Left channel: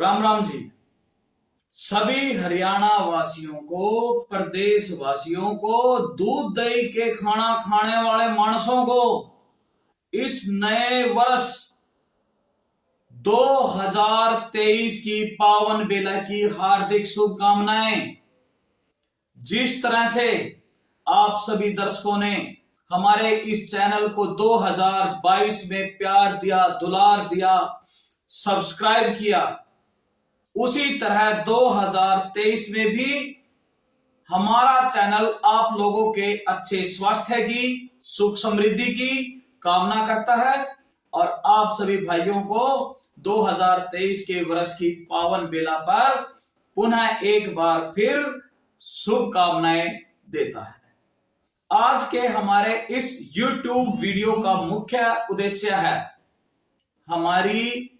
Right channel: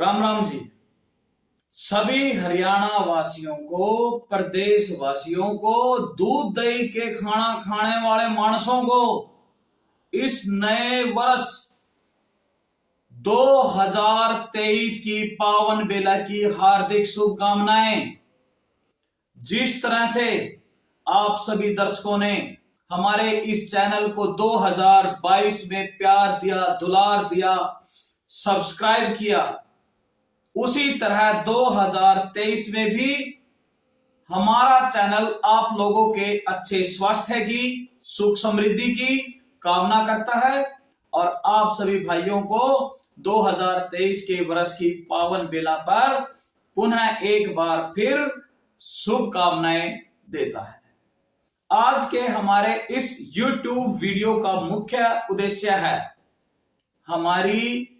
राम राम जी। सभी हरियाणा वासियों को, प्रदेश वासियों को, दूध दही के खाना खाने वाले मानसों को इस नए वर्ष 2023 की पावन बेला की हार्दिक शुभकामनाएं। जिस तरह से आप सभी दर्शकों ने हमारे इस चैनल को 2022 में प्यार दिया, दुलार दिया, सब्सक्राइब किया, उसी तरह 2023 में भी हमारा चैनल आप लोगों के अच्छे स्वास्थ्य की, सुख समृद्धि की कामना करता है और आप सभी भाइयों को 2023 के वर्ष की पावन बेला पर पुनः एक बार फिर शुभकामनाएं देता है। आज के हमारे इस YouTube वीडियो का मुख्य उद्देश्य है हमारी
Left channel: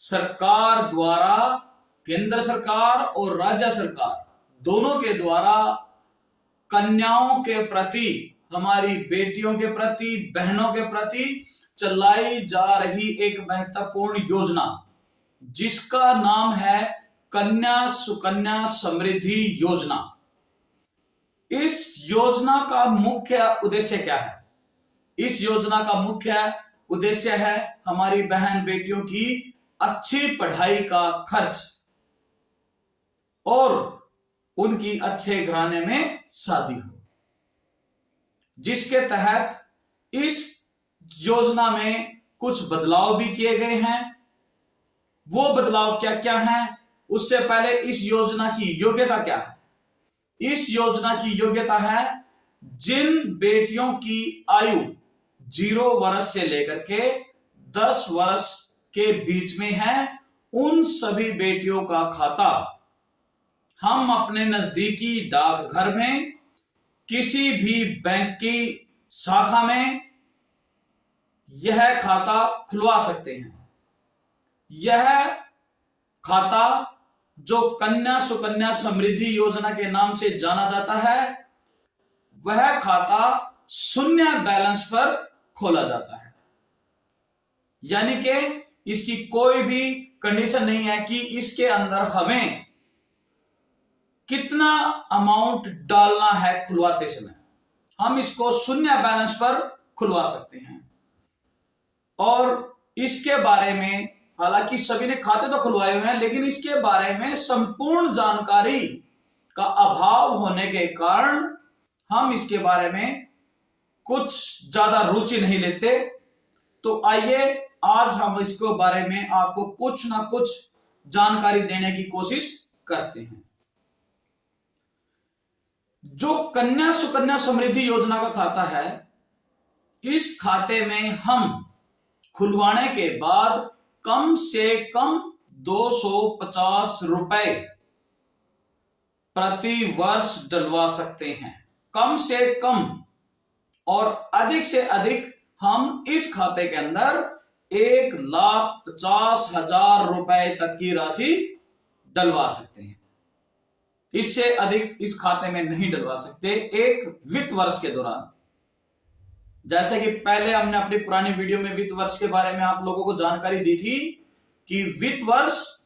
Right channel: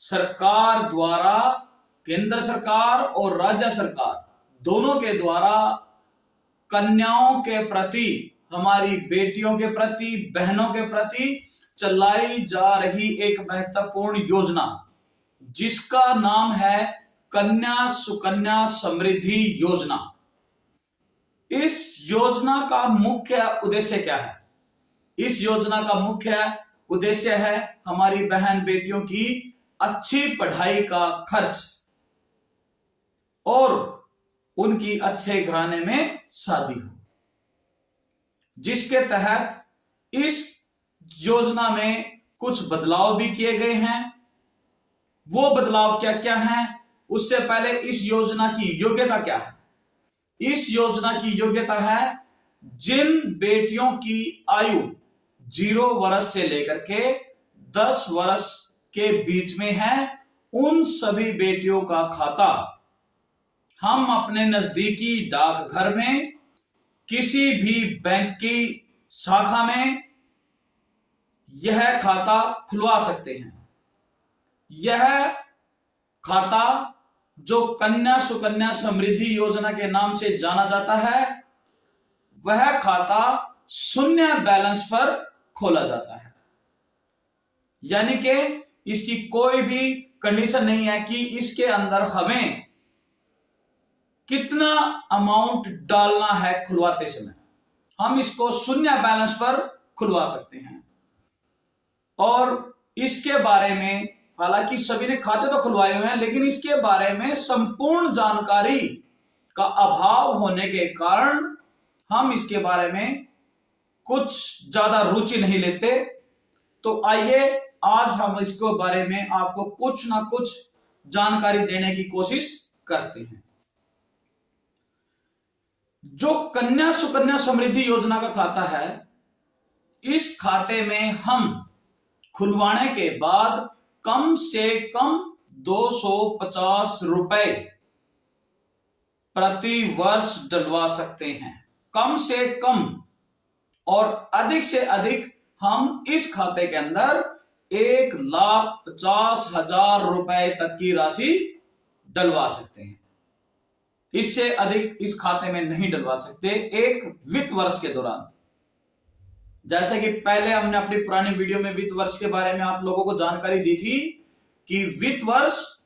सरकार द्वारा, केंद्र सरकार और राज्य सरकार दोनों के द्वारा कन्याओं के प्रति, हमारी बेटियों के प्रति, बहनों के प्रति चलाई जा रही एक महत्वपूर्ण योजना जिसका नाम है कन्या सुकन्या समृद्धि योजना। इस योजना का मुख्य उद्देश्य क्या है? इस योजना का मुख्य उद्देश्य है हमारी बहन बेटियों की अच्छी पढ़ाई का खर्च और उनकी अच्छे घराने में शादी हो, जिसके तहत इस योजना में कुछ बदलाव भी किए गए हैं। वो बदलाव क्या क्या हैं? उससे पहले इस योजना की योग्यता क्या है? इस योजना की योग्यता है जिन बेटियों की आयु 0 वर्ष से लेकर के 10 वर्ष के बीच में है, उन सभी बेटियों का खाता हम अपने नजदीकी डाकघर में, किसी भी बैंक की शाखा में यह खाता खुलवा सकते हैं। यह खाता जो कन्या सुकन्या समृद्धि योजना के नाम से जाना जाता है, वह खाता शून्य बैलेंस पर खोला जाता है। यानी कि इसकी कोई भी कंडीशन नहीं है कि इसके अंदर हमें कितना अमाउंट डालना है खुलवाते समय। हम इसको शून्य बैलेंस पर खुलवा सकते हैं और इसके बारे में, हालांकि सभी ने खाते तो खुलवाए हुए हैं, लेकिन इसके बारे में संपूर्ण जानकारी का अभाव होने के कारण हम इसके बारे में कुछ ज्यादा रुचि नहीं लेते। तो आइए आज हम इसके बारे में आपको कुछ ना कुछ जानकारी देने की कोशिश करते हैं। जो कन्या सुकन्या समृद्धि योजना का खाता है, इस खाते में हम खुलवाने के बाद कम से कम 250 रुपए प्रति वर्ष डलवा सकते हैं, कम से कम। और अधिक से अधिक हम इस खाते के अंदर 1,50,000 रुपए तक की राशि डलवा सकते हैं। इससे अधिक इस खाते में नहीं डलवा सकते एक वित्त वर्ष के दौरान। जैसे कि पहले हमने अपनी पुरानी वीडियो में वित्त वर्ष के बारे में आप लोगों को जानकारी दी थी कि वित्त वर्ष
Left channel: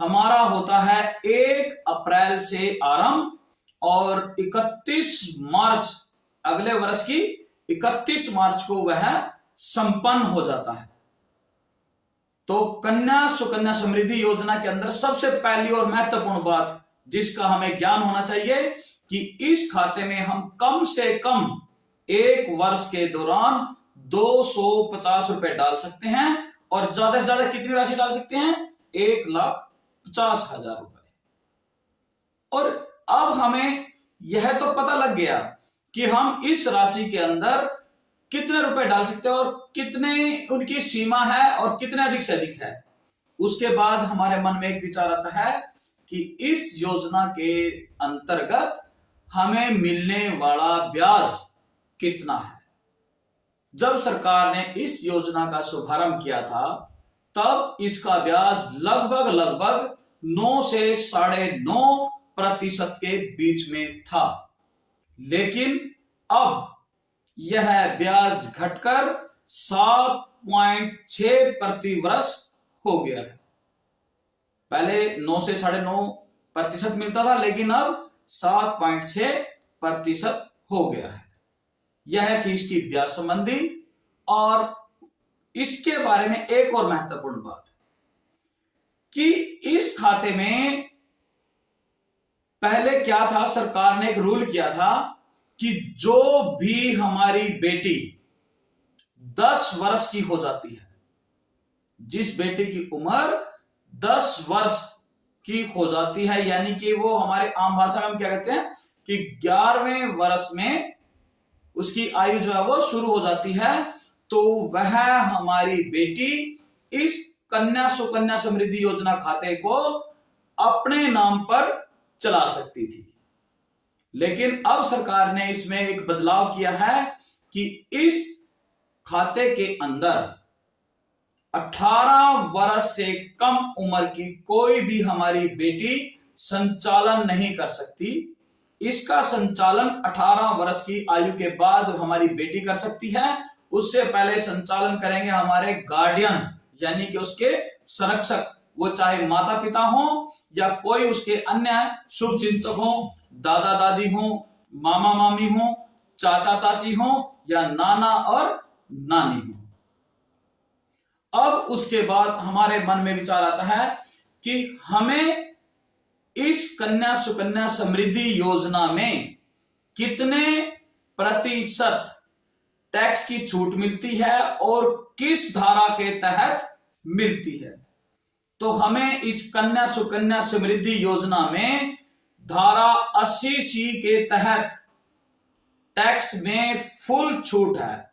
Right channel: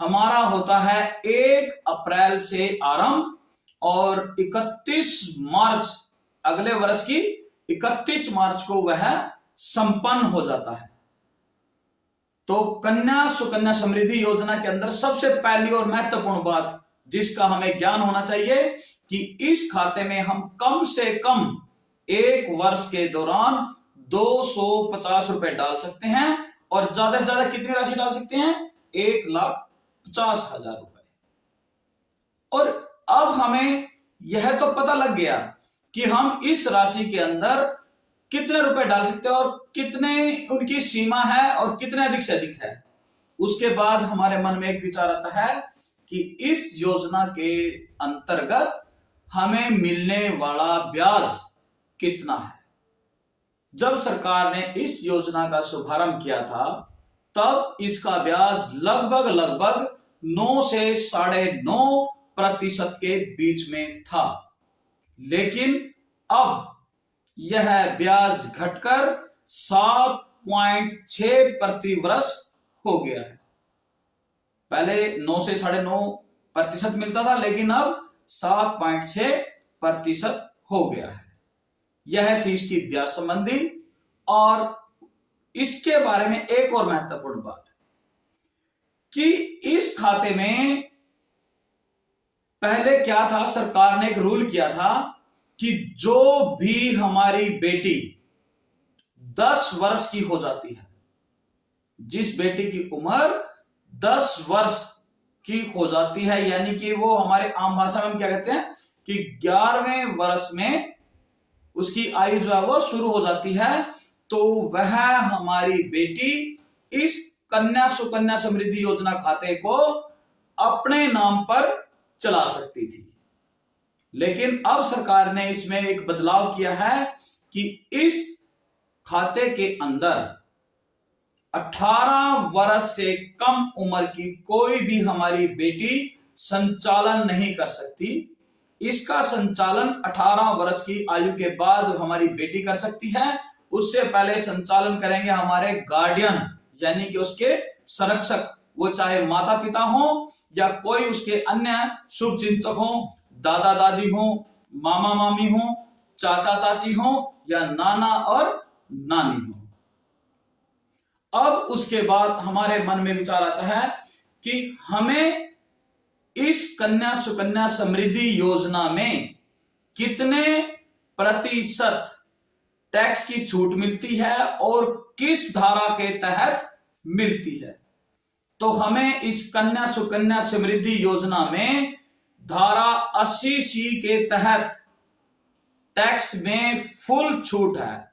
हमारा होता है 1 अप्रैल से आरंभ और 31 मार्च, अगले वर्ष की 31 मार्च को वह संपन्न हो जाता है। तो कन्या सुकन्या समृद्धि योजना के अंदर सबसे पहली और महत्वपूर्ण बात जिसका हमें ज्ञान होना चाहिए कि इस खाते में हम कम से कम एक वर्ष के दौरान 250 रुपए डाल सकते हैं और ज्यादा से ज्यादा कितनी राशि डाल सकते हैं? 1,50,000 रुपए। और अब हमें यह तो पता लग गया कि हम इस राशि के अंदर कितने रुपए डाल सकते हैं और कितने उनकी सीमा है और कितने अधिक से अधिक है। उसके बाद हमारे मन में एक विचार आता है कि इस योजना के अंतर्गत हमें मिलने वाला ब्याज कितना है। जब सरकार ने इस योजना का शुभारंभ किया था, तब इसका ब्याज लगभग 9 से 9.5% के बीच में था, लेकिन अब यह ब्याज घटकर 7.6 प्रति वर्ष हो गया है। पहले 9 से 9.5% मिलता था, लेकिन अब 7.6% हो गया है। यह थी इसकी ब्याज संबंधी। और इसके बारे में एक और महत्वपूर्ण बात कि इस खाते में पहले क्या था, सरकार ने एक रूल किया था कि जो भी हमारी बेटी 10 वर्ष की हो जाती है, जिस बेटी की उम्र 10 वर्ष की हो जाती है, यानी कि वो हमारे आम भाषा में हम क्या कहते हैं कि 11वें वर्ष में उसकी आयु जो है वो शुरू हो जाती है, तो वह हमारी बेटी इस कन्या सुकन्या समृद्धि योजना खाते को अपने नाम पर चला सकती थी। लेकिन अब सरकार ने इसमें एक बदलाव किया है कि इस खाते के अंदर 18 वर्ष से कम उम्र की कोई भी हमारी बेटी संचालन नहीं कर सकती। इसका संचालन 18 वर्ष की आयु के बाद हमारी बेटी कर सकती है। उससे पहले संचालन करेंगे हमारे गार्डियन, यानी कि उसके संरक्षक, वो चाहे माता पिता हो या कोई उसके अन्य शुभ चिंतक हो, दादा दादी हो, मामा मामी हो, चाचा चाची हो या नाना और नानी हो। अब उसके बाद हमारे मन में विचार आता है कि हमें इस कन्या सुकन्या समृद्धि योजना में कितने प्रतिशत टैक्स की छूट मिलती है और किस धारा के तहत मिलती है। तो हमें इस कन्या सुकन्या समृद्धि योजना में धारा 80C के तहत टैक्स में फुल छूट है।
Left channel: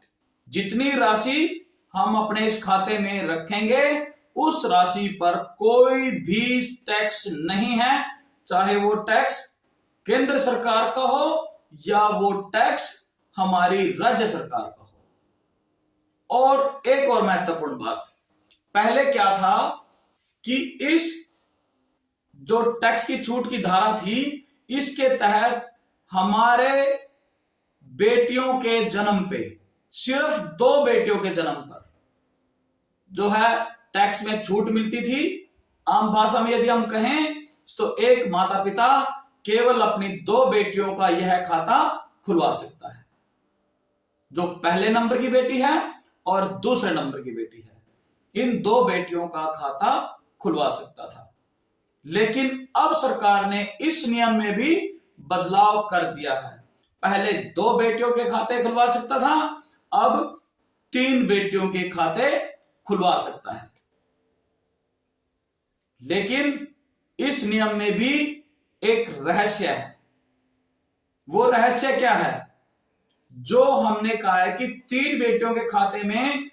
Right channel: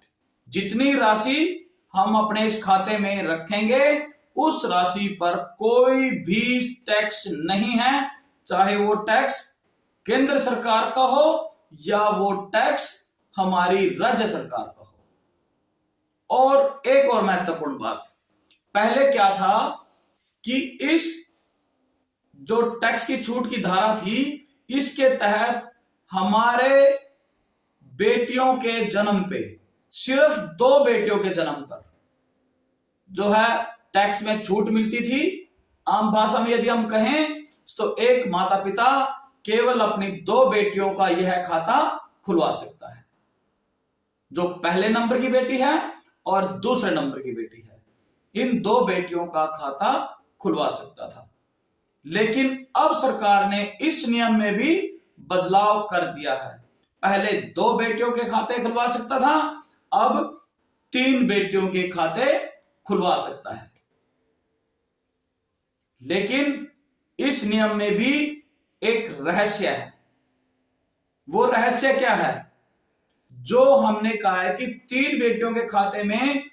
जितनी राशि हम अपने इस खाते में रखेंगे उस राशि पर कोई भी टैक्स नहीं है, चाहे वो टैक्स केंद्र सरकार का हो या वो टैक्स हमारी राज्य सरकार का हो। और एक और महत्वपूर्ण बात, पहले क्या था कि इस जो टैक्स की छूट की धारा थी, इसके तहत हमारे बेटियों के जन्म पे, सिर्फ 2 बेटियों के जन्म पर जो है टैक्स में छूट मिलती थी। आम भाषा में यदि हम कहें तो एक माता पिता केवल अपनी 2 बेटियों का यह खाता खुलवा सकता है, जो पहले नंबर की बेटी है और दूसरे नंबर की बेटी है। इन 2 बेटियों का खाता खुलवा सकता था। लेकिन अब सरकार ने इस नियम में भी बदलाव कर दिया है। पहले 2 बेटियों के खाते खुलवा सकता था, अब 3 बेटियों के खाते खुलवा सकता है। लेकिन इस नियम में भी एक रहस्य है। वो रहस्य क्या है? जो हमने कहा है कि 3 बेटियों के खाते में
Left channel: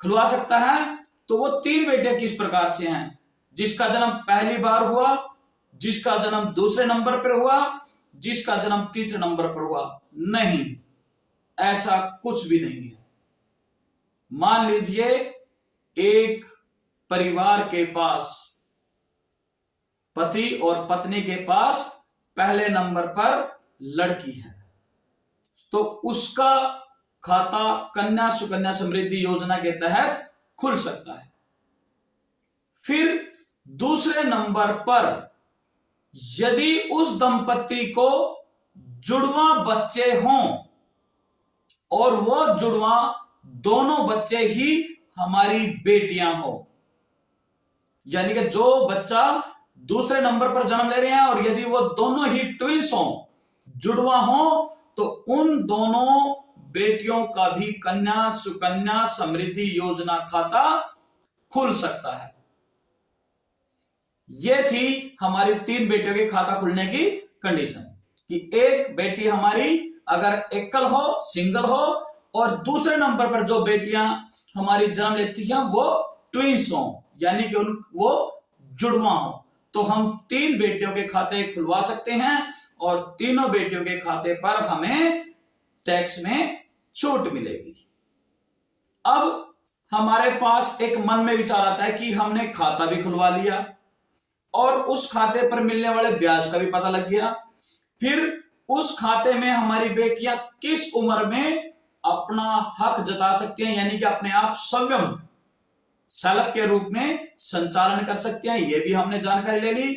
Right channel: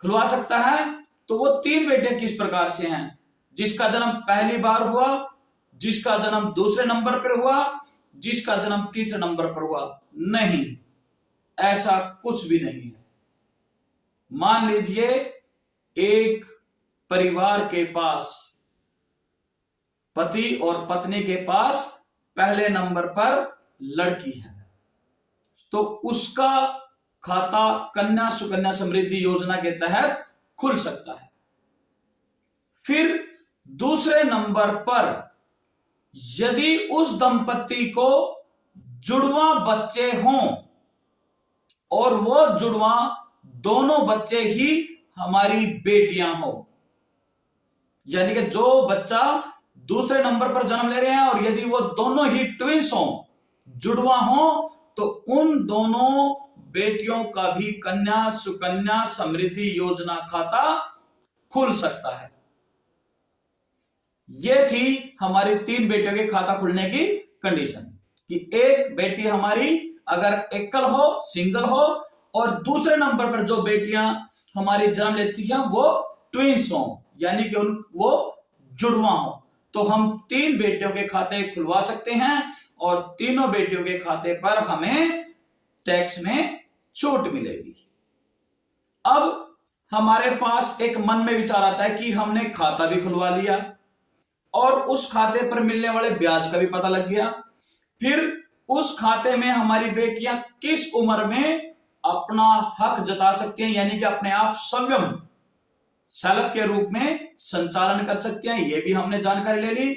खुलवा सकता है, तो वो 3 बेटे किस प्रकार से हैं? जिसका जन्म पहली बार हुआ, जिसका जन्म दूसरे नंबर पर हुआ, जिसका जन्म तीसरे नंबर पर हुआ। नहीं, ऐसा कुछ भी नहीं है। मान लीजिए एक परिवार के पास, पति और पत्नी के पास पहले नंबर पर लड़की है, तो उसका खाता कन्या सुकन्या समृद्धि योजना के तहत खुल सकता है। फिर दूसरे नंबर पर यदि उस दंपति को जुड़वा बच्चे हों और वो जुड़वा दोनों बच्चे ही हमारी बेटियां हो, यानी कि जो बच्चा दूसरे नंबर पर जन्म ले रहे हैं और यदि वो दोनों ही ट्विंस हो, जुड़वा हो, तो उन दोनों बेटियों का भी कन्या सुकन्या समृद्धि योजना खाता खुल सकता है। ये थी हमारी 3 बेटियों के खाता खुलने की कंडीशन कि एक बेटी हमारी अगर एकल हो, सिंगल हो, और दूसरे नंबर पर जो बेटियां हमारी जन्म लेती हैं वो ट्विंस हो, यानी कि वो जुड़वा हो, तो हम 3 बेटियों के खाते खुलवा सकते हैं और तीनों बेटियों के खाते पर हमें टैक्स में छूट मिलेगी। अब हमारे पास एक मन में विचार आता है कि हमने खाता भी खुलवा लिया और उस खाते पर मिलने वाले ब्याज का भी पता लग गया, फिर उस खाते में हमारी बेटियां किस उम्र में अपना हक जता सकती हैं, यानी कि अपने आप शेल्फ के रूप में संचालन कर सकते हैं। ये भी हमने जानकारी ले ली।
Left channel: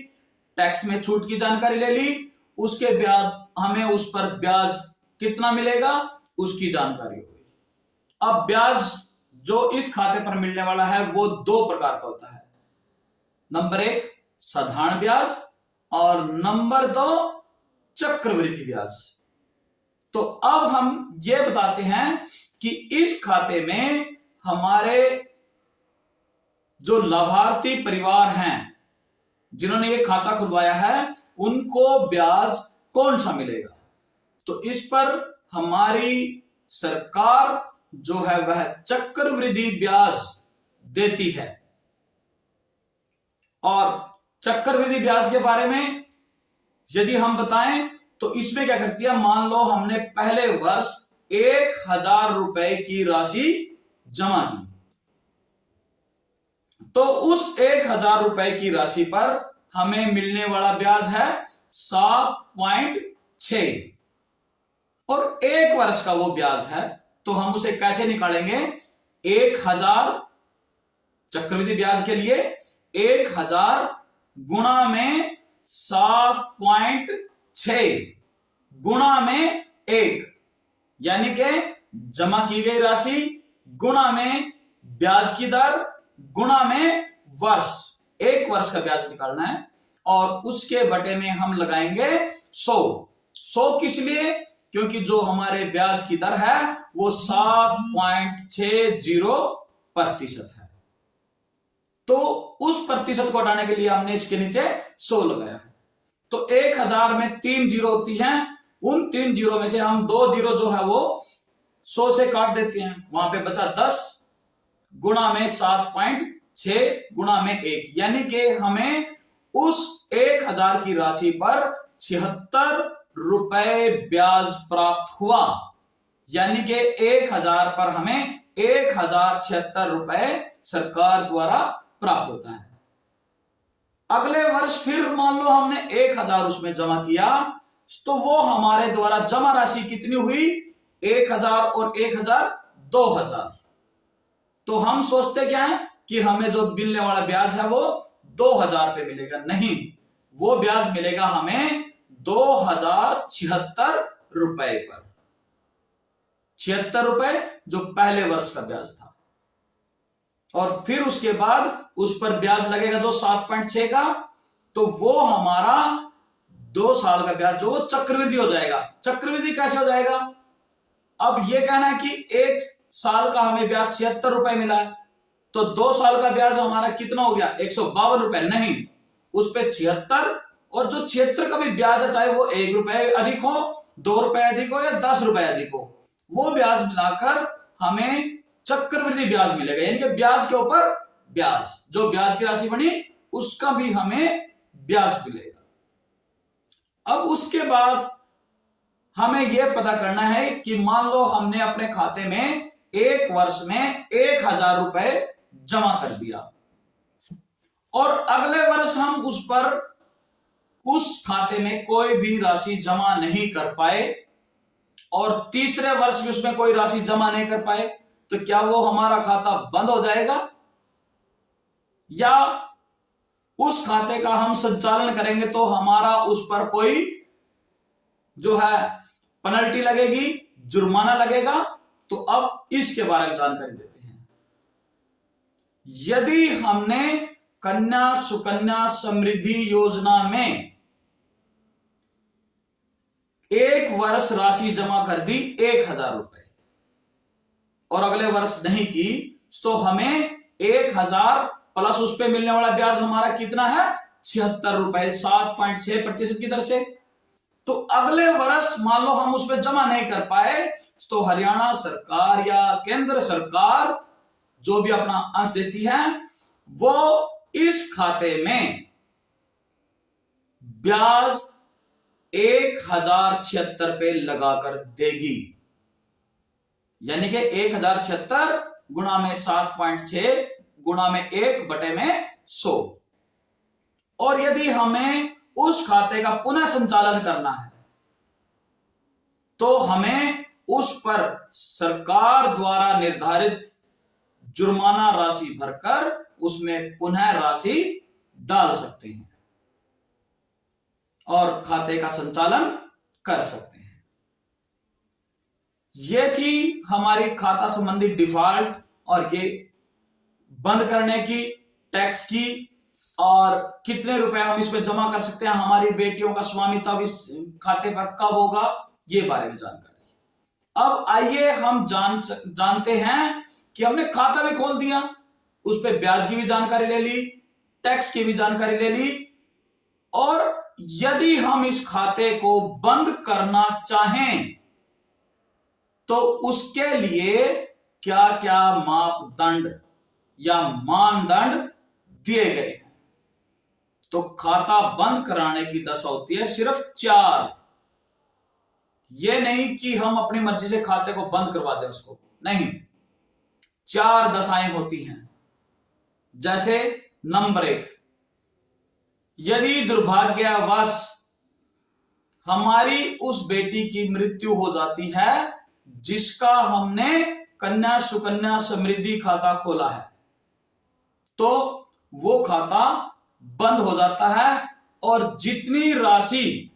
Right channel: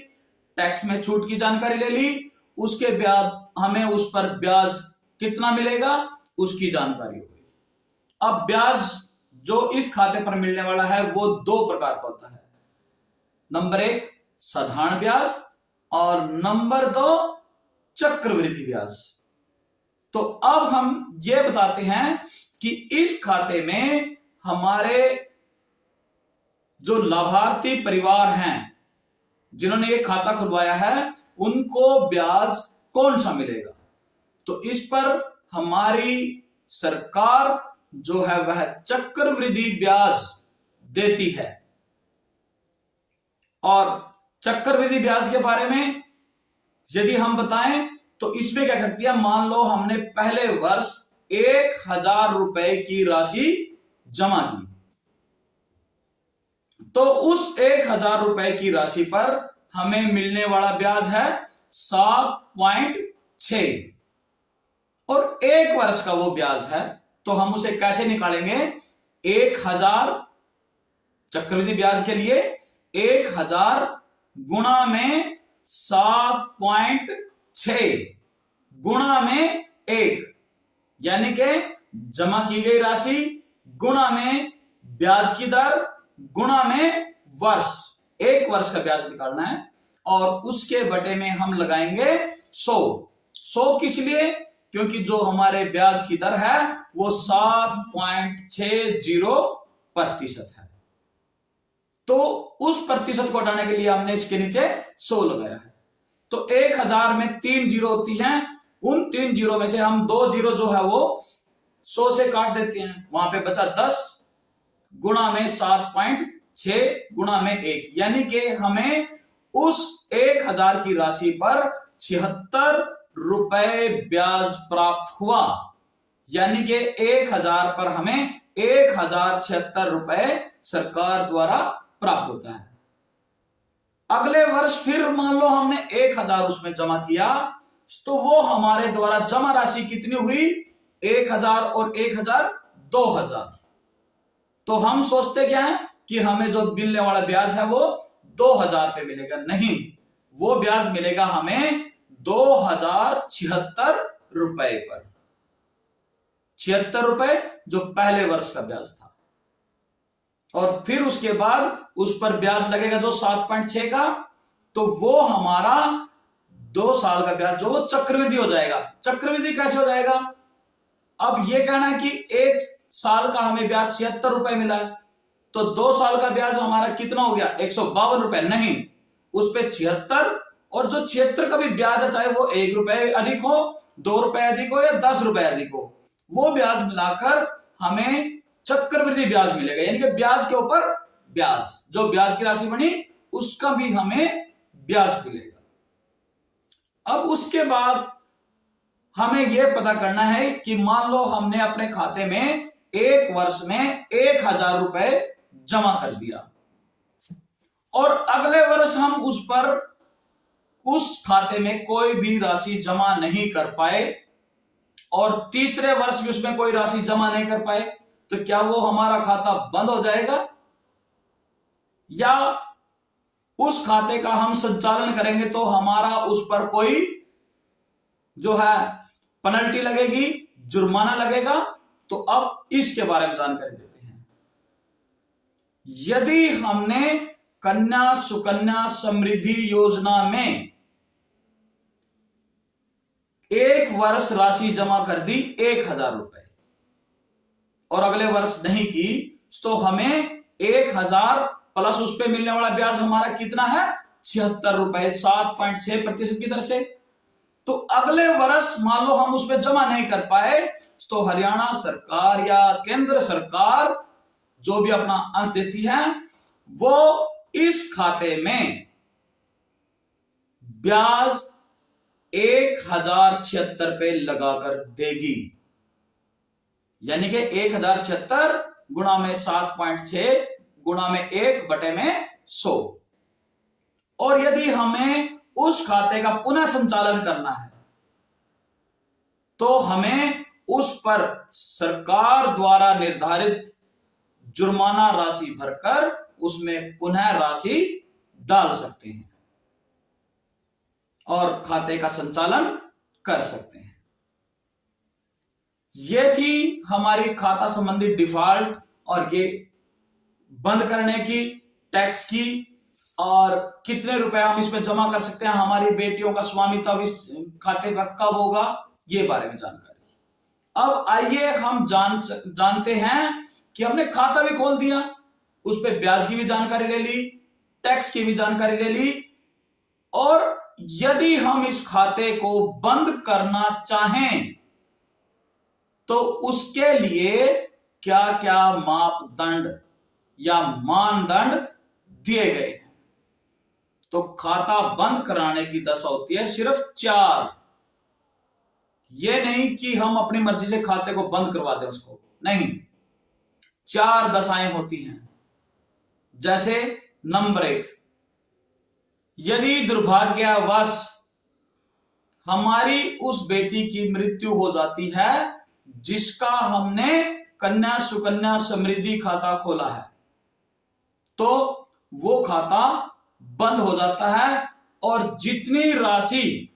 टैक्स में छूट की जानकारी ले ली। उसके बाद हमें उस पर ब्याज कितना मिलेगा उसकी जानकारी होगी। अब ब्याज जो इस खाते पर मिलने वाला है वो दो प्रकार का होता है। नंबर 1 साधारण ब्याज और नंबर 2 चक्रवृद्धि ब्याज। तो अब हम ये बताते हैं कि इस खाते में हमारे जो लाभार्थी परिवार हैं जिन्होंने ये खाता खुलवाया है उनको ब्याज कौन सा मिलेगा। तो इस पर हमारी सरकार जो है वह चक्रवृद्धि ब्याज देती है। और चक्रवृद्धि ब्याज के बारे में यदि हम बताएं तो इसमें क्या करती है, मान लो हमने पहले वर्ष 1000 रुपए की राशि जमा की, तो उस 1000 रुपए की राशि पर हमें मिलने वाला ब्याज है 7.6 और 1 वर्ष का वो ब्याज है। तो हम उसे कैसे निकालेंगे, 1000 चक्रवृद्धि ब्याज के लिए 1000 गुणा में 7.6 गुणा में 1, यानी कि जमा की गई राशि गुणा में ब्याज की दर गुणा में वर्ष, 1 वर्ष का ब्याज निकालना है। और उसके बटे में हम लगाएंगे 100 किस लिए, क्योंकि जो हमारे ब्याज की दर है वो 7.60% है। तो उस प्रतिशत को हटाने के लिए हमने इसके नीचे 100 लगाया है। तो 1000 में 3 जीरो होती हैं, उन 3 जीरो में से हम 2 जीरो जो है वो 100 से काट देते हैं, वहां पे बचा 10 गुणा में 7.6 गुणा में 1, यानी कि हमें उस 1000 की राशि पर 76 रुपए ब्याज प्राप्त हुआ। यानी कि 1000 पर हमें 1076 रुपए सरकार द्वारा प्राप्त होता है। अगले वर्ष फिर मान लो हमने 1000 उसमें जमा किया, तो वो हमारे द्वारा जमा राशि कितनी हुई, 1000 और 1000 2000। तो हम सोचते क्या है कि हमें जो मिलने वाला ब्याज है वो 2000 पे मिलेगा, नहीं, वो ब्याज मिलेगा हमें 2076 रुपए पर, 76 रुपए जो पहले वर्ष का ब्याज था। और फिर उसके बाद उस पर ब्याज लगेगा जो 7.6 का, तो वो हमारा 2 साल का ब्याज जो वो चक्रवृद्धि हो जाएगा। चक्रवृद्धि कैसे हो जाएगा, अब ये कहना है कि 1 साल का हमें ब्याज 76 रुपए मिला, तो 2 साल का ब्याज हमारा कितना हो गया 152 रुपए, नहीं, उस पे 76, और जो 76 का भी ब्याज है चाहे वो 1 रुपए अधिक हो, 2 रुपए अधिक हो या 10 रुपए अधिक हो, वो ब्याज मिलाकर हमें चक्रवृद्धि ब्याज मिलेगा। यानी कि ब्याज के ऊपर ब्याज, जो ब्याज की राशि बनी उसका भी हमें ब्याज मिलेगा। अब उसके बाद हमें यह पता करना है कि मान लो हमने अपने खाते में 1 वर्ष में 1000 रुपए जमा कर दिया और अगले वर्ष हम उस खाते में कोई भी राशि जमा नहीं कर पाए और तीसरे वर्ष भी उसमें कोई राशि जमा नहीं कर पाए, तो क्या वो हमारा खाता बंद हो जाएगा, या उस खाते का हम संचालन करेंगे तो हमारा उस पर कोई जो है पेनल्टी लगेगी, जुर्माना लगेगा। तो अब इसके बारे में जानकारी देते हैं। यदि हमने कन्या सुकन्या समृद्धि योजना में 1 वर्ष राशि जमा कर दी 1000 रुपए और अगले वर्ष नहीं की, तो हमें 1000 प्लस उस पे मिलने वाला ब्याज हमारा कितना है 76 रुपए, 7.6% की दर से। तो अगले वर्ष मान लो हम उसमें जमा नहीं कर पाए, तो हरियाणा सरकार या केंद्र सरकार जो भी अपना अंश देती है वो इस खाते में ब्याज 1076 पे लगाकर देगी। यानी कि 1076 गुणा में 7.6 गुणा में 1 बटे में 100। और यदि हमें उस खाते का पुनः संचालन करना है तो हमें उस पर सरकार द्वारा निर्धारित जुर्माना राशि भरकर उसमें पुनः राशि डाल सकते हैं और खाते का संचालन कर सकते हैं। यह थी हमारी खाता संबंधी डिफॉल्ट और ये बंद करने की, टैक्स की, और कितने रुपए हम इसमें जमा कर सकते हैं, हमारी बेटियों का स्वामित्व इस खाते पर कब होगा, ये बारे में जानकारी। अब आइए हम जानते हैं कि हमने खाता भी खोल दिया, उस पर ब्याज की भी जानकारी ले ली, टैक्स की भी जानकारी ले ली, और यदि हम इस खाते को बंद करना चाहें तो उसके लिए क्या क्या मापदंड या मानदंड दिए गए हैं। तो खाता बंद कराने की दशा होती है सिर्फ 4। यह नहीं कि हम अपनी मर्जी से खाते को बंद करवा दें, उसको नहीं, 4 दशाएं होती हैं। जैसे नंबर 1, यदि दुर्भाग्यवश हमारी उस बेटी की मृत्यु हो जाती है जिसका हमने कन्या सुकन्या समृद्धि खाता खोला है, तो वो खाता बंद हो जाता है और जितनी राशि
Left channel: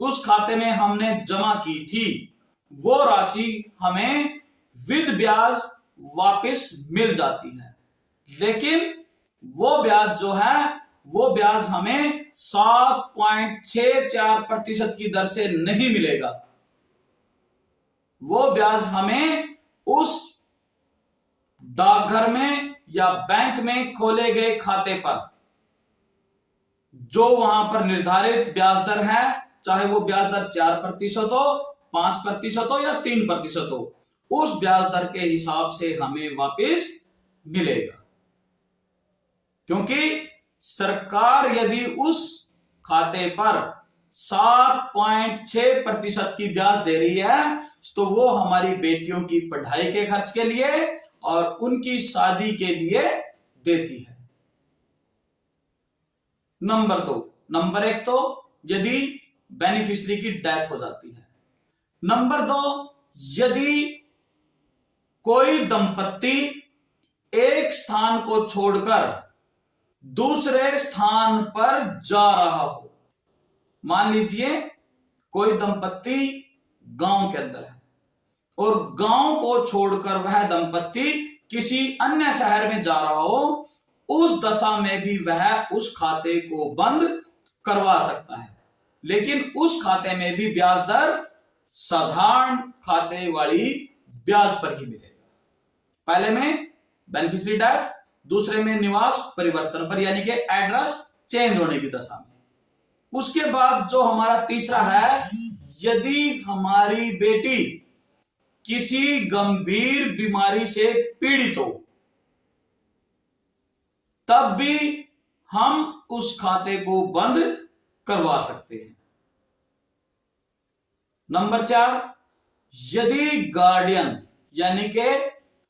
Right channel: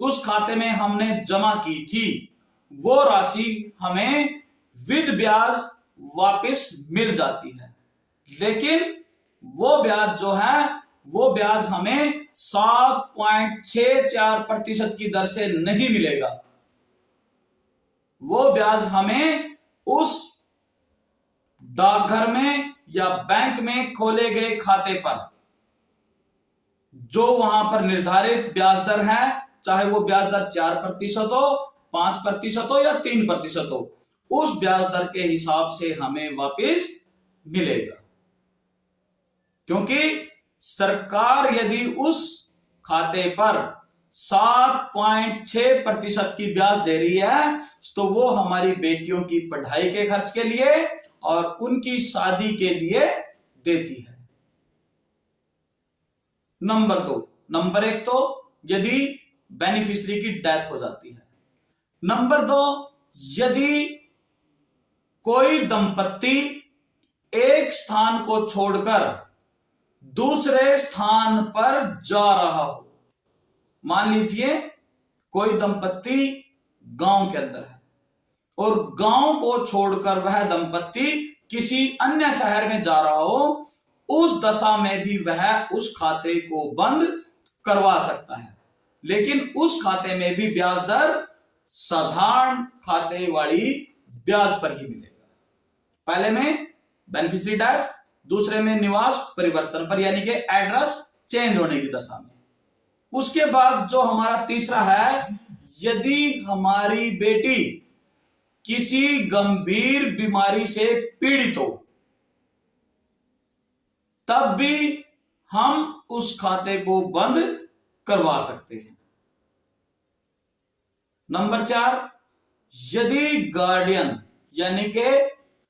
उस खाते में हमने जमा की थी वो राशि हमें विद ब्याज वापस मिल जाती है। लेकिन वो ब्याज जो है वो ब्याज हमें 7.64% की दर से नहीं मिलेगा। वो ब्याज हमें उस डाकघर में या बैंक में खोले गए खाते पर जो वहां पर निर्धारित ब्याज दर है, चाहे वो ब्याज दर 4% हो, 5% हो या 3% हो, उस ब्याज दर के हिसाब से हमें वापस मिलेगा। क्योंकि सरकार यदि उस खाते पर 7.6% की ब्याज दे रही है तो वो हमारी बेटियों की पढ़ाई के खर्च के लिए और उनकी शादी के लिए देती है। नंबर 2, नंबर 1 तो यदि बेनिफिशियरी की डेथ हो जाती है। नंबर 2, यदि कोई दंपत्ति एक स्थान को छोड़कर दूसरे स्थान पर जा रहा हो। मान लीजिए कोई दंपत्ति गांव के अंदर है और गांव को छोड़कर वह दंपत्ति किसी अन्य शहर में जा रहा हो, उस दशा में भी वह उस खाते को बंद करवा सकता है। लेकिन उस खाते में भी ब्याज दर साधारण खाते वाली ब्याज पर ही मिलेगा। पहले में बेनिफिशियरी डेथ, दूसरे में निवास परिवर्तन पर, यानी कि एड्रेस चेंज होने की दशा में। उसके बाद जो हमारा तीसरा है, यदि हमारी बेटी किसी गंभीर बीमारी से पीड़ित हो, तब भी हम उस खाते को बंद करवा सकते हैं। नंबर 4, यदि गार्डियन यानी कि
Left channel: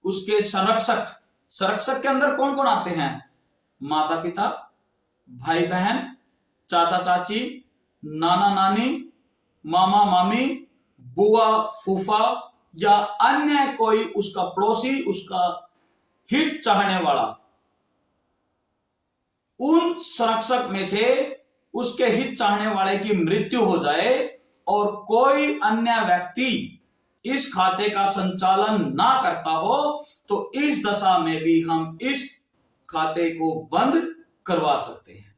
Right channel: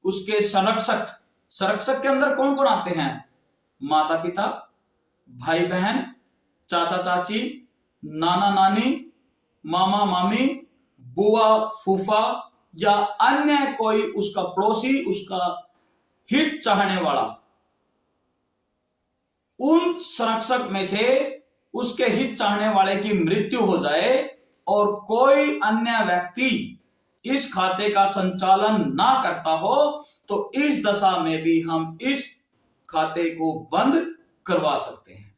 उसके संरक्षक के अंदर कौन कौन आते हैं? माता पिता, भाई बहन, चाचा चाची, नाना नानी, मामा मामी, बुआ फूफा या अन्य कोई उसका पड़ोसी, उसका हित चाहने वाला, उन संरक्षक में से उसके हित चाहने वाले की मृत्यु हो जाए और कोई अन्य व्यक्ति इस खाते का संचालन ना करता हो, तो इस दशा में भी हम इस खाते को बंद करवा सकते हैं।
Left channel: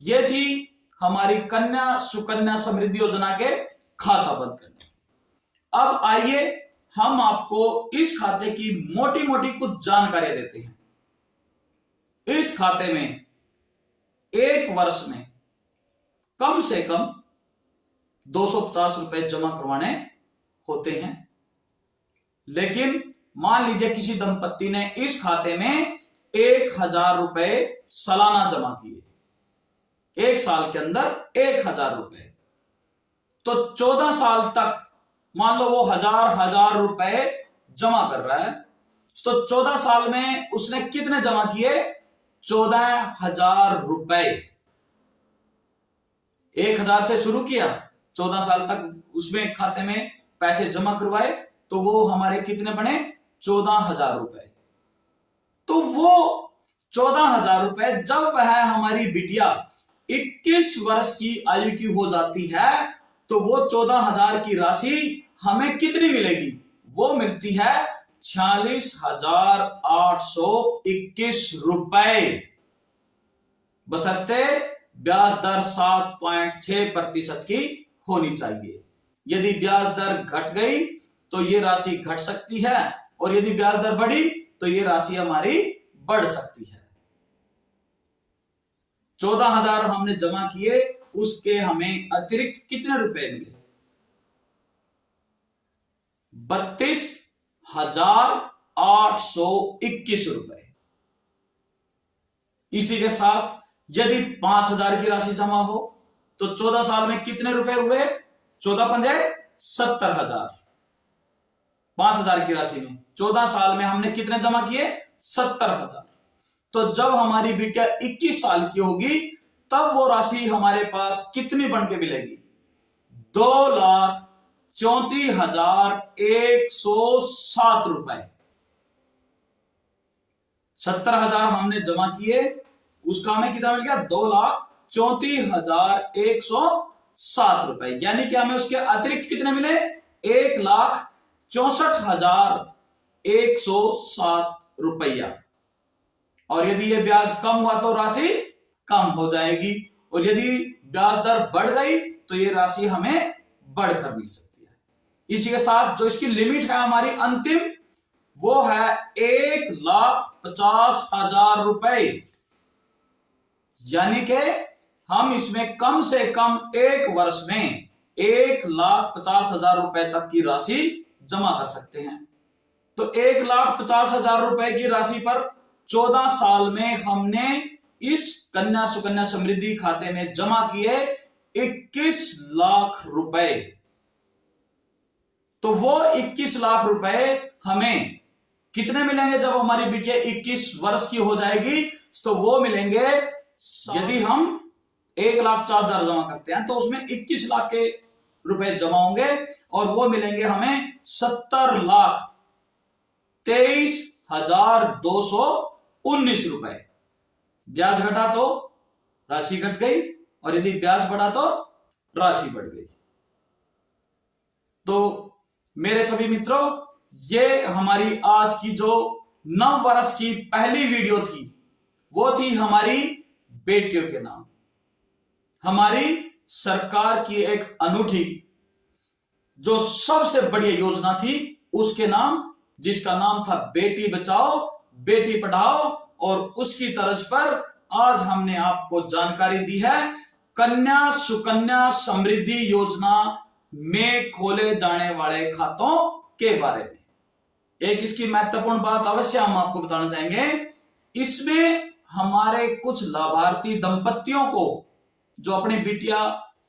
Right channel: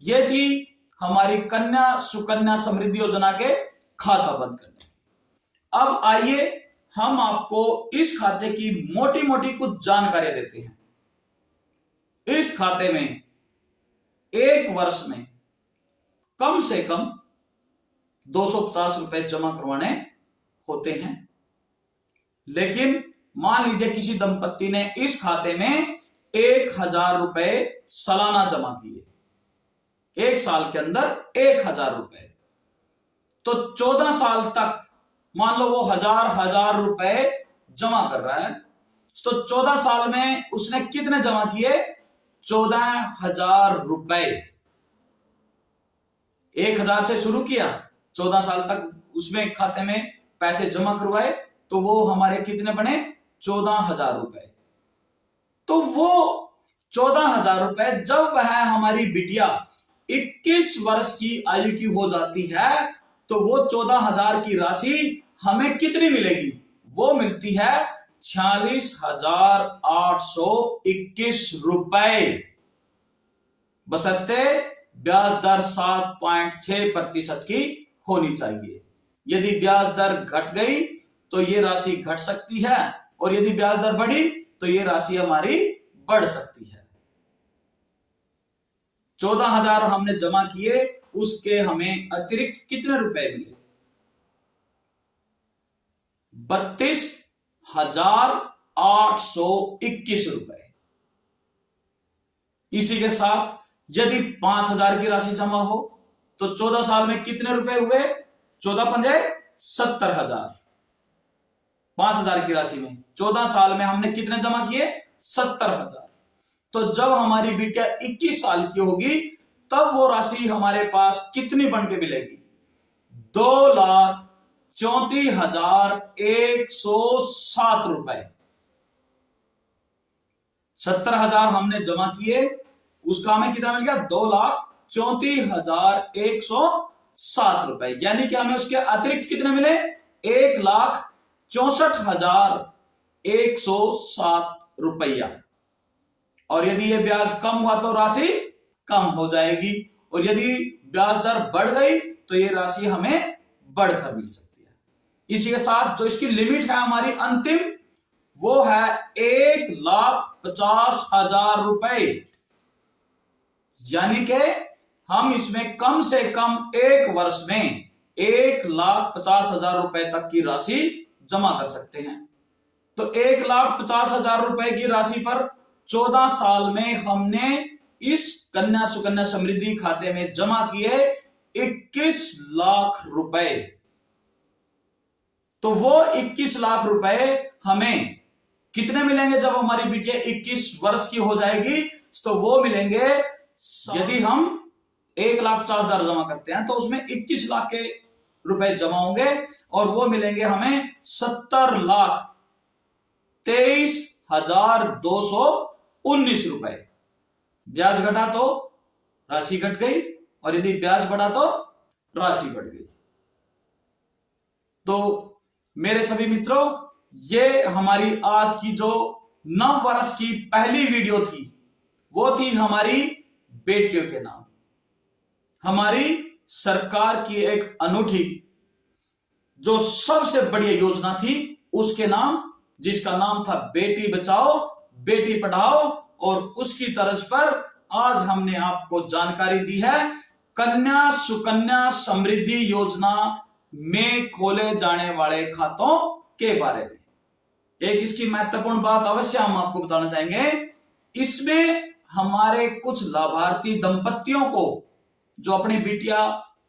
यह थी हमारी कन्या सुकन्या समृद्धि योजना के खाता बंद करने। अब आइए हम आपको इस खाते की मोटी मोटी कुछ जानकारी देते हैं। इस खाते में एक वर्ष में कम से कम 250 रुपए जमा करवाने होते हैं। लेकिन मान लीजिए किसी दंपत्ति ने इस खाते में 1000 रुपए सालाना जमा किए, एक साल के अंदर 1000 रुपए, तो 14 साल तक मान लो वो हजार रुपए जमा कर रहा है, तो 14 साल में उसने कितने जमा किए? 14,000 रुपए। 1000 से शुरू किया, 14 साल तक उसमें खाते में पैसे जमा करवाए, तो वो हमारे कितने बने? 14,000 रुपए। तो वो 14,000 रुपए जब वह हमारी बिटिया 21 वर्ष की आयु की हो जाती है तो वो 14,000 की राशि हमें कितनी मिलेगी? वो मिलती है 46,821 रुपए, बशर्ते ब्याज दर 7.6% की होनी चाहिए। यदि ब्याज दर घट गई तो ये राशि घट सकती है और यदि ब्याज दर बढ़ी तो ये राशि हमारी बढ़ सकती है। 14,000 हमने जमा किए, उसके हमें अतिरिक्त कितने रुपए मिले? 32,821 रुपए। इसी के साथ यदि 5,000 की राशि जमा हो तो 14 साल में कितने रुपए हुए? 14 पंजे 70,000। 5,000 की राशि में 14 साल में हमने कितने जमा किए? 70,000। तो जब हमारी बिटिया 21 साल की होगी तब वो राशि हमारे पास कितनी बन के मिलेगी? 2,34,107 रुपए। 70,000 हमने जमा किए, उसका हमें कितना मिल गया? 2,34,107 रुपए। यानी कि हमें उसके अतिरिक्त कितने मिले? 1,64,107 रुपया। और यदि ये ब्याज कम हुआ तो राशि कम हो जाएगी, और यदि ब्याज दर बढ़ गई तो ये राशि हमें बढ़कर मिल सकती है। इसी के साथ जो इसकी लिमिट है हमारी अंतिम, वो है 1,50,000 रुपए। यानी कि हम इसमें कम से कम 1 वर्ष में 1,50,000 रुपए तक की राशि जमा कर सकते हैं। तो 1,50,000 रुपए की राशि पर 14 साल में हमने इस कन्या सुकन्या समृद्धि खाते में जमा किए 21 लाख रुपए। तो वो 21 लाख रुपए हमें कितने मिलेंगे जब हमारी बिटिया 21 वर्ष की हो जाएगी? तो वो मिलेंगे, यदि हम 1,50,000 जमा करते हैं तो उसमें 21 लाख के रुपए जमा होंगे और वो मिलेंगे हमें 70,23,219 रुपए। ब्याज घटा तो राशि घट गई और यदि ब्याज बढ़ा तो राशि बढ़ गई। तो मेरे सभी मित्रों, ये हमारी आज की जो 9 वर्ष की पहली वीडियो थी वो थी हमारी बेटियों के नाम। हमारी सरकार की एक अनूठी जो सबसे बड़ी योजना थी उसके नाम, जिसका नाम था बेटी बचाओ बेटी पढ़ाओ, और उसकी तर्ज पर आज हमने आपको जानकारी दी है कन्या सुकन्या समृद्धि योजना में खोले जाने वाले खातों के बारे में। एक इसकी महत्वपूर्ण बात अवश्य हम आपको बताना चाहेंगे, इसमें हमारे कुछ लाभार्थी दंपतियों को जो अपनी बिटिया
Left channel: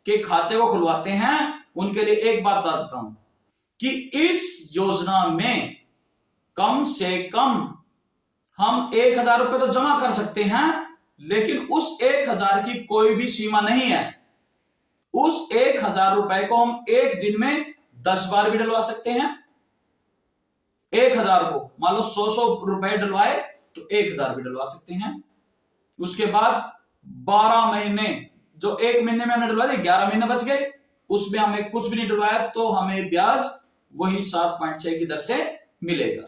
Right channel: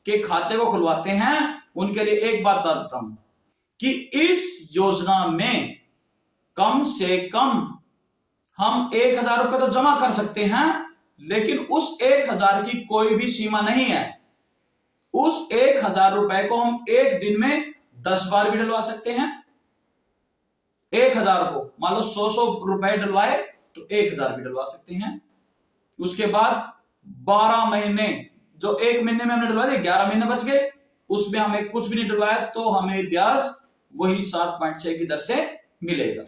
के खाते को खुलवाते हैं उनके लिए एक बात बता देता हूं कि इस योजना में कम से कम हम 1,000 रुपए तो जमा कर सकते हैं, लेकिन उस 1,000 की कोई भी सीमा नहीं है। उस 1,000 रुपए को हम एक दिन में 10 बार भी डलवा सकते हैं। 1,000 को मान लो 100 रुपए डलवाए तो 1,000 भी डलवा सकते हैं। उसके बाद 12 महीने, जो एक महीने में हमने डलवा दिए 11 महीने बच गए, उसमें हमें कुछ भी नहीं डलवाया तो हमें ब्याज वही 7.6 की दर से मिलेगा।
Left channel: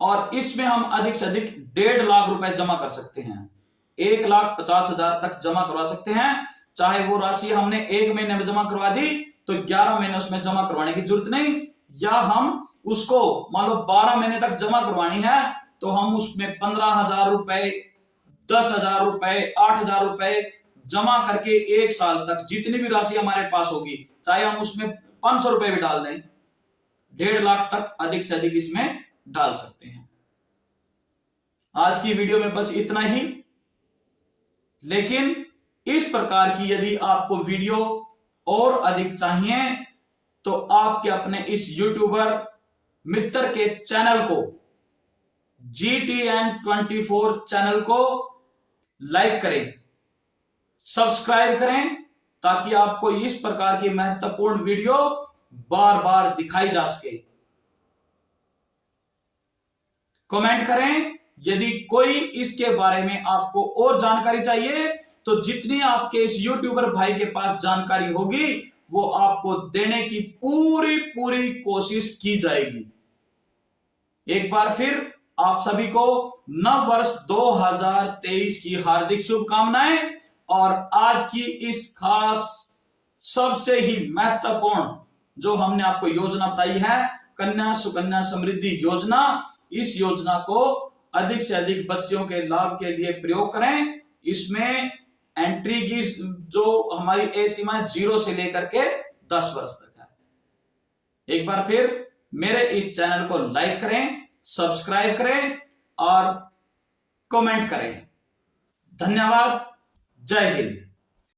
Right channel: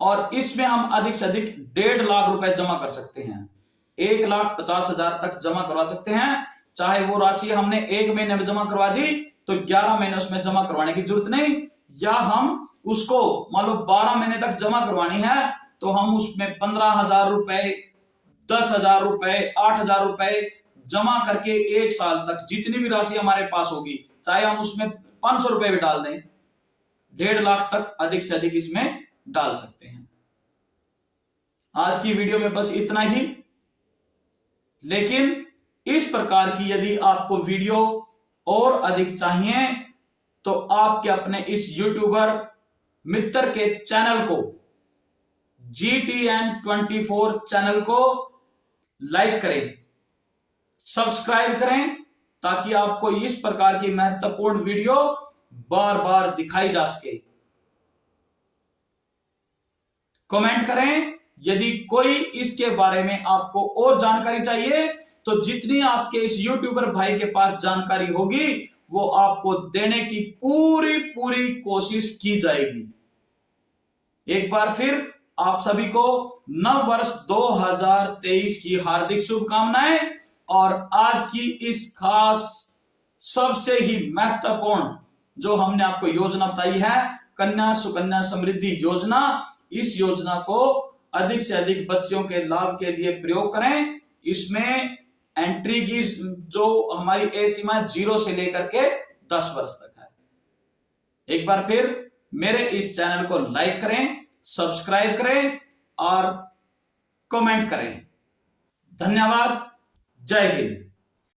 और इसमें हम अधिक से अधिक 1.5 लाख रुपए जमा कर सकते हैं। 1,50,000 तक जमा करवा सकते हैं। चाहे वो राशि हमने एक महीने में जमा करवा दी तो 11 महीने उसमें जमा करवाने की जरूरत नहीं, या हम उसको मान लो 12 महीने तक जमा करवानी है तो हम उसमें 15,000 रुपए, 10,000 रुपए, 8,000 रुपए जमा करके 1 साल तक जितनी भी राशि हमारे पास होगी, चाहे हम उसमें 500 रुपए भी डाल दें, 1.5 लाख तक अधिक से अधिक इसमें डाल सकते हैं। आज की वीडियो में बस इतना ही, लेकिन इस प्रकार की यदि आपको वीडियो और अधिक चाहिए तो आपके अपने इस यूट्यूबर मित्र के चैनल को, GTN24 चैनल को लाइक करें, सब्सक्राइब करें, ताकि आपको इस प्रकार की महत्वपूर्ण वीडियो बार बार दिखाई जा सके। कमेंट करें। यदि कोई इसके बारे में आपको और जानकारी चाहिए तो जितनी आपके इस यूट्यूबर भाई के पास जानकारी होगी वो आपको देने की पूरी पूरी कोशिश की जाएगी। एक बार फिर आप सभी को नव वर्ष 2023 की हार्दिक शुभकामनाएं। और आज की इस खास सबसे ही महत्वपूर्ण जो हमने आपको योजना बताई है, कन्या सुकन्या समृद्धि योजना, इस योजना को अधिक से अधिक बच्चों के लाभ के लिए प्रयोग करें। इसमें एंट्री की जो हमारी एज सीमा 0 से लेकर के 10 वर्ष तक है। एक बार फिर मेरे इस चैनल को लाइक करें, सब्सक्राइब करें और कमेंट करें। धन्यवाद। जय हिंद।